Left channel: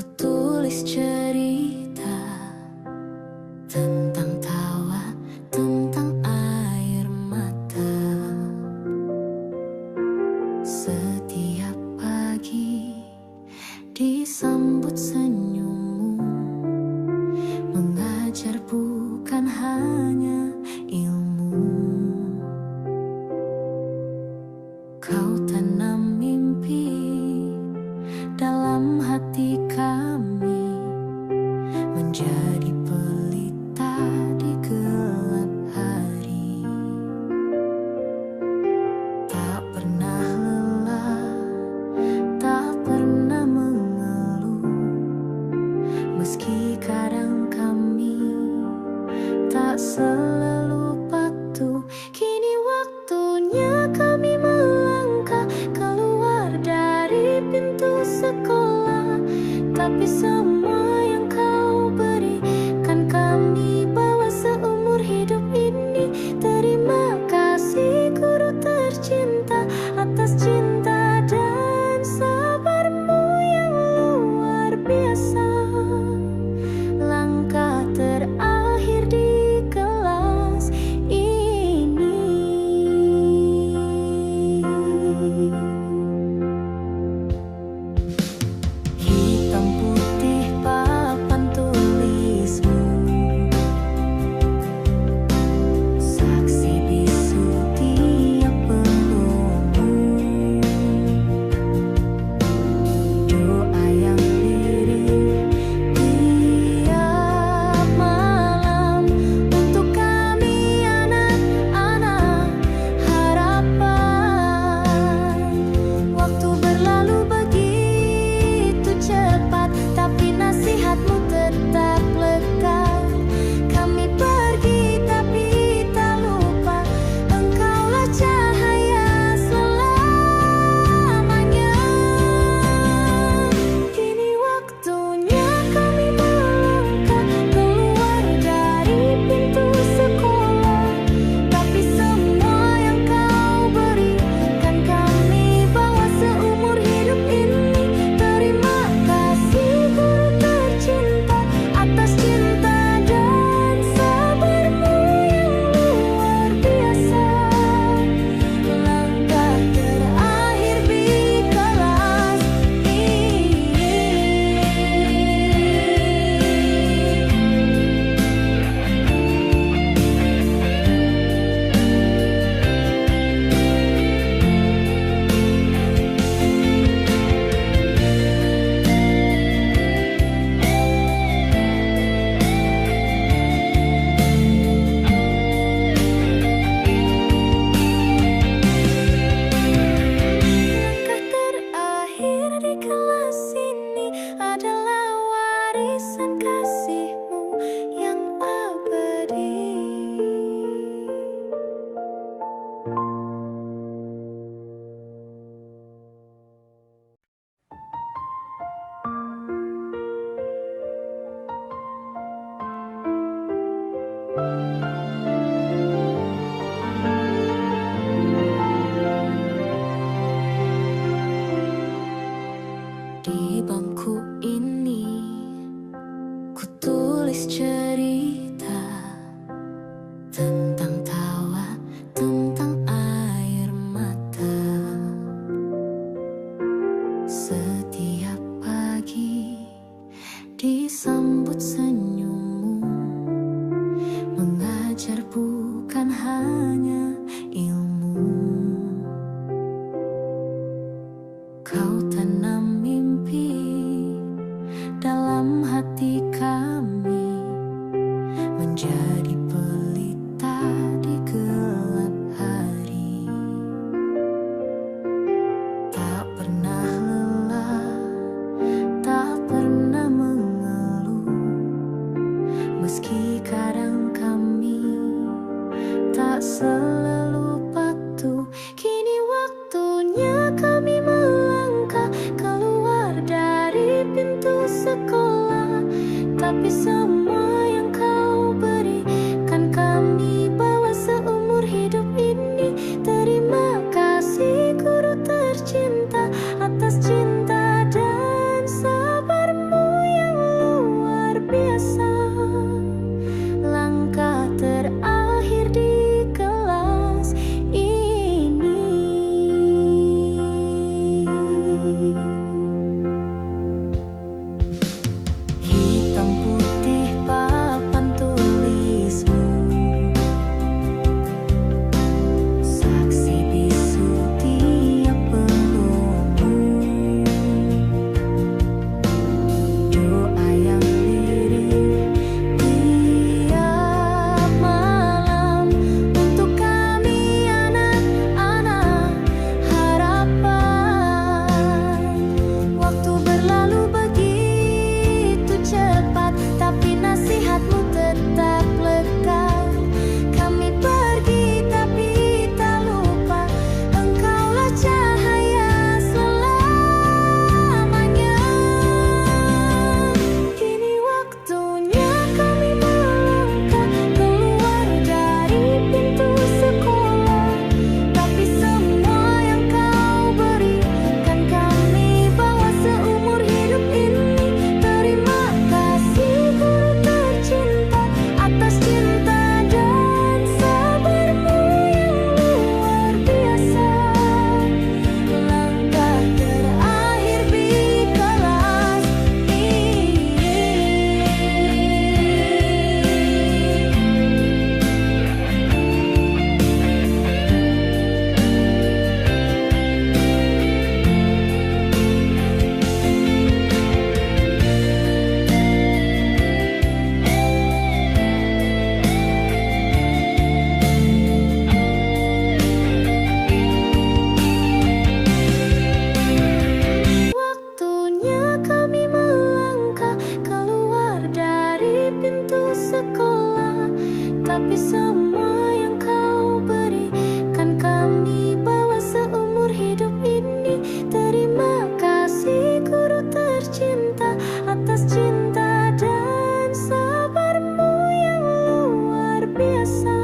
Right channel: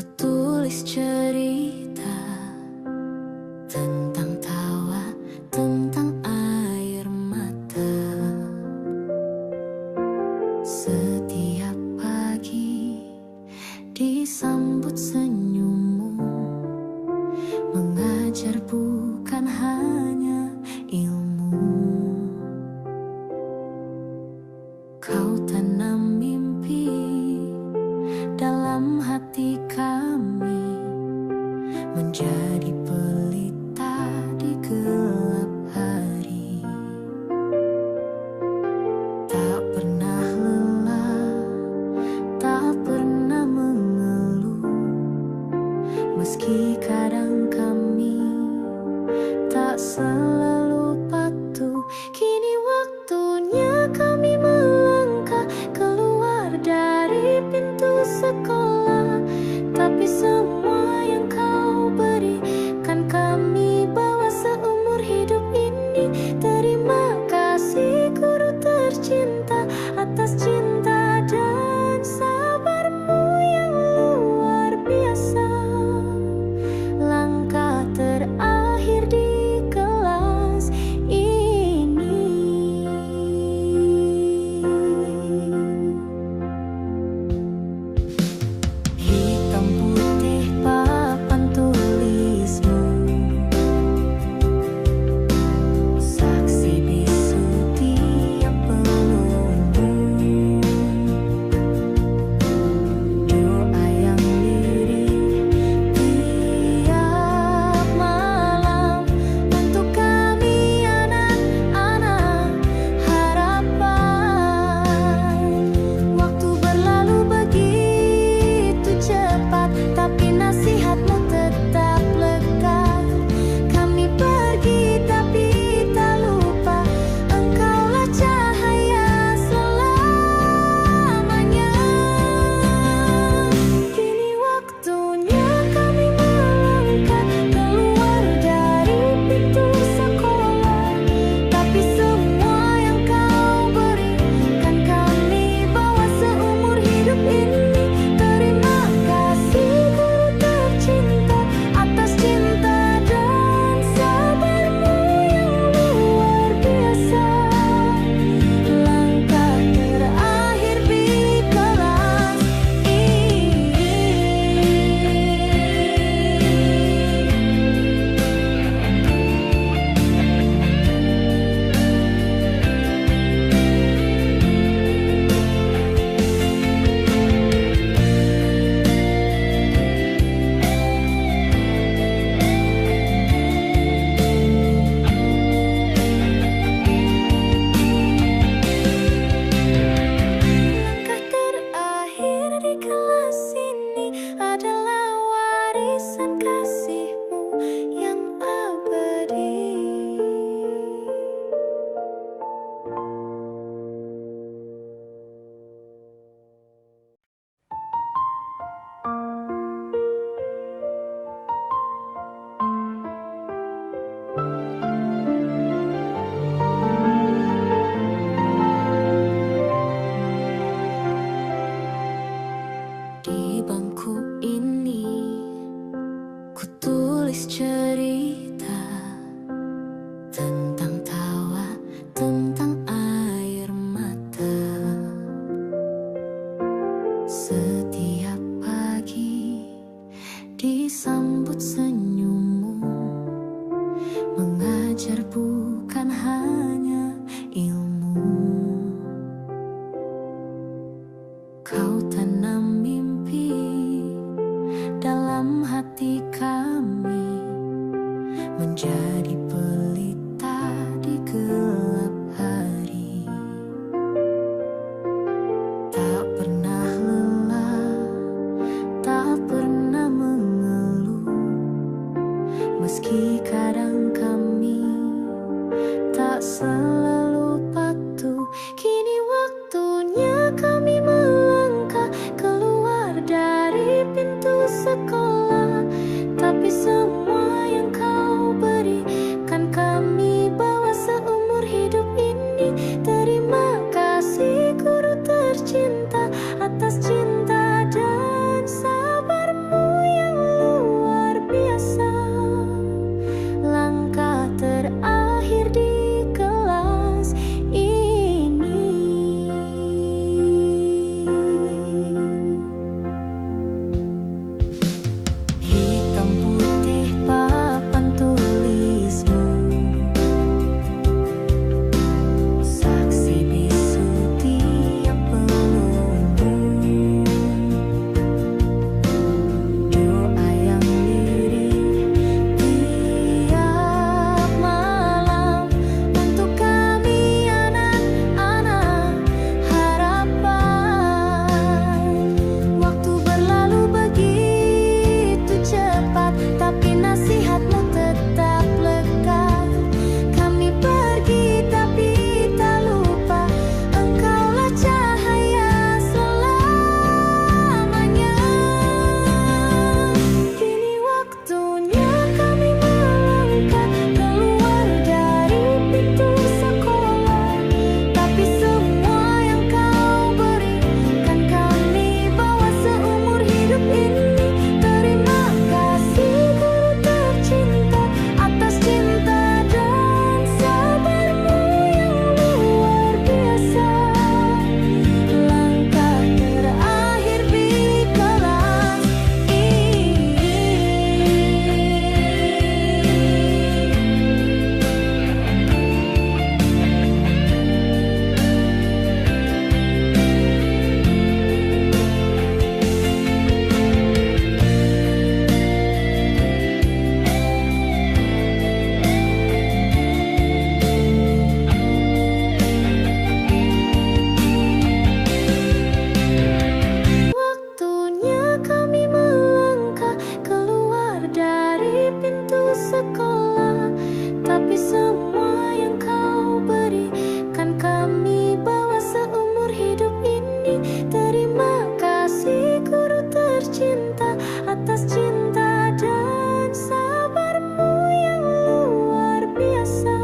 Ku tulis cerita tentang tawa, tentang air mata. Setiap pagi disambut senyummu, mengajar bukan hanya ilmu. Kau tanam mimpi dalam hati kami, menjadi pelita di gelap hari. Tak pernah lelah, tak pernah mengeluh, meski kadang kami tak selalu patuh. Kini waktunya kami melangkah keluar dari pintu sekolah, tapi semua yang kau berikan kami bawa seumur hidup ini. Terima kasih guru tercinta atas cinta dan sabarmu yang luar biasa. Langkah terakhir di kelas ini. Hitam putih papan tulismu, saksi bisu tiap pelumu. Doa yang lirih tiap malam untuk kami anak-anak harapan. Waktu berlalu begitu cepat, tapi nasihatmu tetap lekat. Kami pergi tapi tak lupa, engkaulah cahaya selamanya. Kini waktunya kami melangkah keluar dari pintu sekolah, tapi semua yang kau berikan kami bawa seumur hidup ini. Terima kasih guru tercinta atas cinta dan sabarmu yang luar biasa. Langkah terakhir di kelas ini. Langkah terakhir di kelas ini adalah warisan kasihmu yang abadi. Di bangku ini ku tulis cerita tentang tawa, tentang air mata. Setiap pagi disambut senyummu, mengajar bukan hanya ilmu. Kau tanam mimpi dalam hati kami, menjadi pelita di gelap hari. Tak pernah lelah, tak pernah mengeluh, meski kadang kami tak selalu patuh. Kini waktunya kami melangkah keluar dari pintu sekolah, tapi semua yang kau berikan kami bawa seumur hidup ini. Terima kasih guru tercinta atas cinta dan sabarmu hitam putih papan tulismu, saksi bisu tiap pelumu, doa yang lirih tiap malam untuk kami anak-anak harapan. Waktu berlalu begitu cepat, tapi nasihatmu tetap lekat. Kami pergi tapi tak lupa, engkaulah cahaya selamanya. Kini waktunya kami melangkah keluar dari pintu sekolah, tapi semua yang kau berikan kami bawa seumur hidup ini. Terima kasih guru tercinta atas cinta dan sabarmu yang luar biasa. Langkah terakhir di kelas ini. Waktunya kami melangkah keluar dari pintu sekolah, tapi semua yang kau berikan kami bawa seumur hidup ini. Terima kasih guru tercinta atas cinta dan sabarmu yang luar biasa.